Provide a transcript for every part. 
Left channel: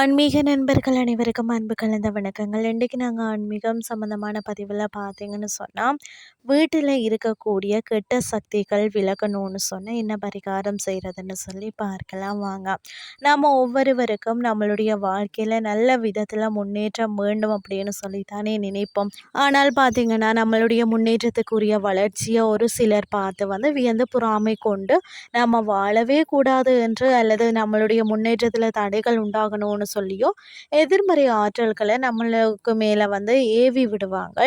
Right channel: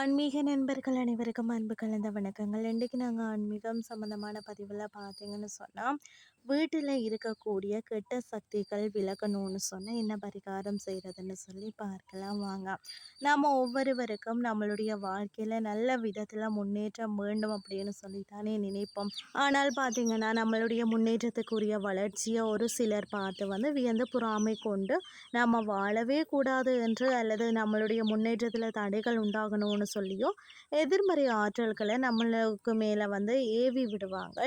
ஆன்மீக நண்பர்கள் அனைவருக்கும் அன்பு கலந்த வணக்கங்கள். இன்றைக்கு நாங்கள் ஆன்மீகம் சம்மந்தமான பதிவில் பார்த்தீங்கன்னு சொன்னால், வீட்டில் இருக்கக்கூடிய கெட்ட சக்திகள் விலகணும்னு சொன்னால் என்ன பரிகாரம் செய்கிறதுன்னு சொல்லி பார்க்கலாம் வாங்க. நாம் ஒவ்வொருவருக்கும் நம்மளுடைய வாழ்க்கையில் நல்ல விதத்தில் முன்னேற்றம் வேண்டும் அப்படின்னு சொல்லித்தானே நினைப்போம். ஆனால் பார்த்தீங்கன்னா நம்மளுடைய முன்னேற்றத்துக்குரிய வளர்ச்சியை ஒரு சிலர் பார்த்து வியந்து பொறாமை கொண்டு நம்ம வாழவே கூடாது என்று அல்லது நம்மளுடைய முன்னேற்றத்தில் தடைகள் உண்டாகணும்னு சொல்லியோ எதிர்மறை ஆற்றல்களை நம்மளுக்கு மேலே ஏவி விடுவாங்க.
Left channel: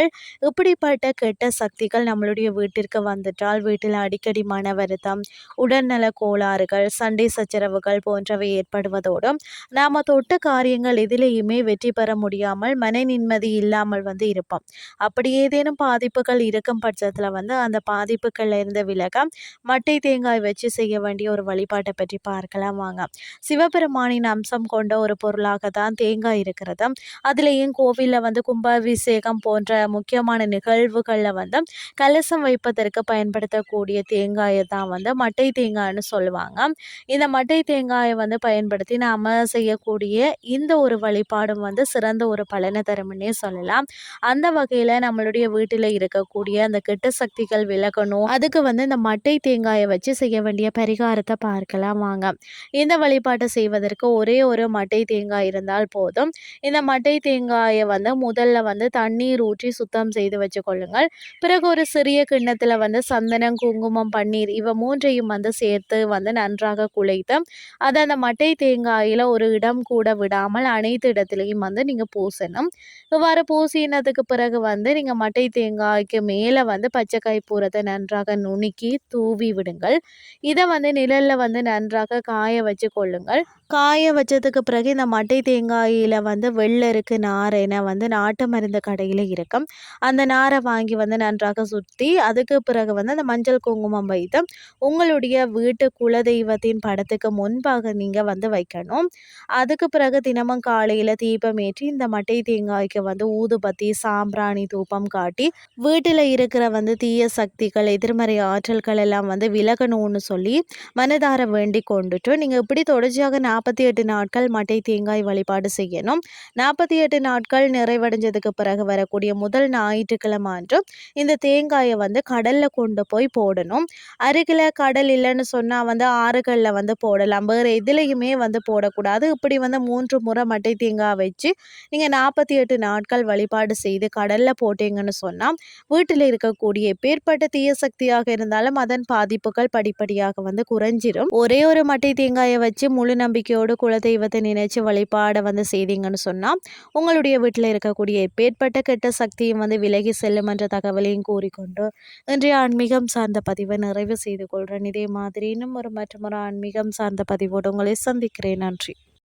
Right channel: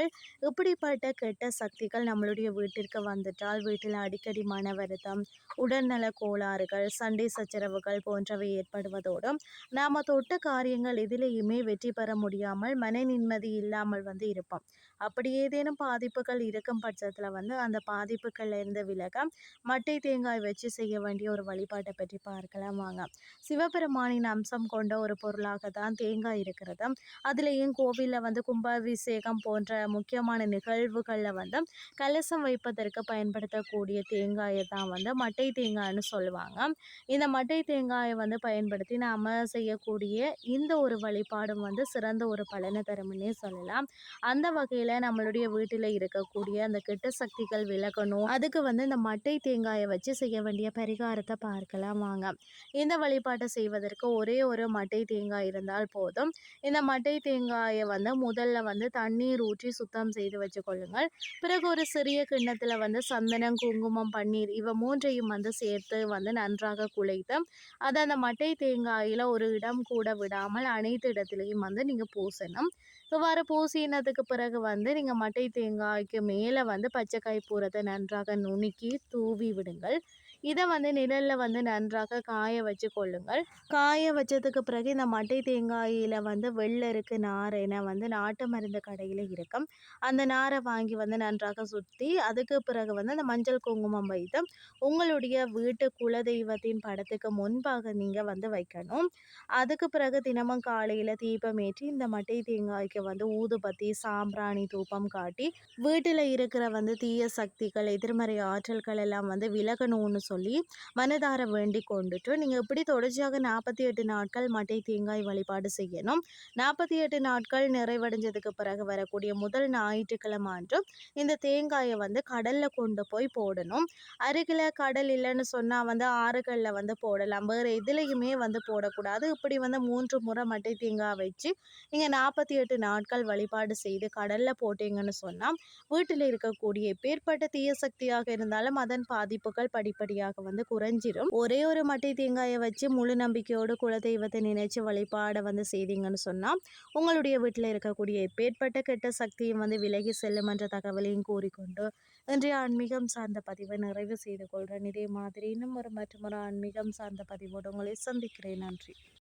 இப்படிப்பட்ட கெட்ட சக்திகள் நம்மளுடைய வீட்டிற்கு வந்துட்டால் வீட்டில் அடிக்கடி மன வருத்தம், உடல்நல கோளாறுகள், சண்டை சச்சரவுகள் போன்றவை ஏற்படுவதோடு நாம் தொட்ட காரியங்கள் எதிலேயுமே வெற்றி பெற முடியாமல் மன நிம்மதி இல்லாமல் இருப்போம். அப்படி ஏதேனும் பாதிப்புகள் இருக்கும் பட்சத்தில் அந்த பாதிப்புகள்ல இருந்து விலக மட்டை தேங்காய் வச்சு செய்ய வேண்டிய ஒரு வழிபாட்டை பற்றி பார்க்கலாம் வாங்க. சிவபெருமானின் அம்சம் கொண்ட ஒரு பொருளாக தான் தேங்காய் இருக்கிறது. அதுலேயும் கோவிலில் கும்பாபிஷேகம் போன்ற முக்கியமான நிகழ்வுகளில் கலசம் வைப்பதற்கு பயன்படுத்தக்கூடிய தேங்காயை தான் மட்டை தேங்காய்னு சொல்லுவாங்க. இந்த மட்டை தேங்காயை பயன்படுத்தி நாம் செய்யக்கூடிய இந்த ஒரு வழிபாடும் சிறந்த ஒரு பலனை தரும்னே சொல்லலாம். அந்த வகையில் நம்மளுடைய வீட்டில் இருக்கக்கூடிய அந்த கெட்ட சக்திகள் விலகணும், அதுக்கு இந்த மட்டை தேங்காயை வச்சு செய்ய வேண்டிய பரிகாரத்தை பார்க்கலாம் வாங்க. இந்த வழிபாட்டை செய்வதற்கு ஒரே ஒரு மட்டை தேங்காய் இருந்தால் போதும். இந்த மட்டை தேங்காயை முதல்ல தண்ணீர் ஊற்றி சுத்தம் செய்து வச்சுக்கொள்ளுங்கள். பிறகு ஒரு சிறிய கிண்ணத்தில் சந்தனம், குங்குமம், பன்னீர் இவ மூன்றையும் சேர்த்து நன்றாக குழைத்து அதை அந்த மட்டை தேங்காயில் ஒரு இடம் கூட விடாமல் அனைத்து இடத்துலையும் நீங்கள் பூசணும். இவ்வாறு பூசினதுக்கு பிறகு நீங்கள் மட்டை தேங்காய்க்கு மேலே பச்சைக்காய் பூரத்தை நன்றாக நுணுக்கி தூவி விடுங்கள். இதை நிழலில் நன்றாக காய வச்சு கொள்ளுங்கள். காய வச்சதுக்கு பிறகு இந்த மட்டை தேங்காயில் வெள்ளருக்கு நார் என நாட்டு மருந்து கடையில் இருக்கும். அந்த நாரை வாங்கி நன்றாக சுற்றி அதுக்கு பிறகு அந்த மஞ்சள் குங்குமம் வைத்து உங்களுடைய வீட்டு குலதெய்வத்தின் படத்துக்கு முன்பாக நீங்கள் வைக்கணும். அதுக்கு பிறகு தினமும் காலையில் தீபம் ஏற்றி இந்த மட்டை தேங்காய்க்கு ஊதுபத்தி, சாம்பிராணி தூபம் காட்டி வீட்டில் இருக்கிற தீய சக்திகள், எதிர்மறை ஆற்றல்கள் எல்லாம் விலகணும்னு சொல்லி மனதார வேண்டி கொண்டுட்டு நீங்கள் இப்படி தொடர்ச்சியாக 48 நாட்கள் மட்டை தேங்காய் வழிபாடு செய்யணும். 48 நாட்கள் நிறைவடைஞ்சதுக்கு பிறகு வரக்கூடிய முதல் ஞாயிற்றுக்கிழமை அன்று இந்த தேங்காயை கடல்ல கொண்டு போய் போடணும். அருகில் கடல் இல்லைன்னு சொன்னால் ஆறுகளில் போடலாம். வேறு எதுலையுமே போடக்கூடாது. இப்படி 3 முறை மட்டை தேங்காய் வச்சு நீங்கள் 48 நாட்கள் வழிபாடு செய்து கடலில் போட்டீங்கன்னு சொன்னால் வீட்டில் இருக்கக்கூடிய எப்பேற்பட்ட தீய சக்தியாக இருந்தாலும் அதன் பாதிப்புகள் படிப்படியாக குறைஞ்சிரும். ஒரே ஒரு மட்டை தேங்காயை வச்சு முழு நம்பிக்கையோடு குலதெய்வத்தை நினைச்சு வழிபாடை செய்தீங்கன்னு சொன்னால் உங்களுடைய வீட்டில் இருக்கக்கூடிய எப்பேற்பட்ட கெட்ட சக்தியும் விலகி செல்லும் என்ற தகவலையும் கூறிக்கொண்டு இன்றைய ஆன்மீகம் சார்ந்த பதிவை நிறைவு செய்து கொள்கிறேன். இதே மாதிரி இன்னும் மற்றொரு ஆன்மீகம் சார்ந்த பதிவோடு உங்களை சந்திக்கிறேன். நன்றி.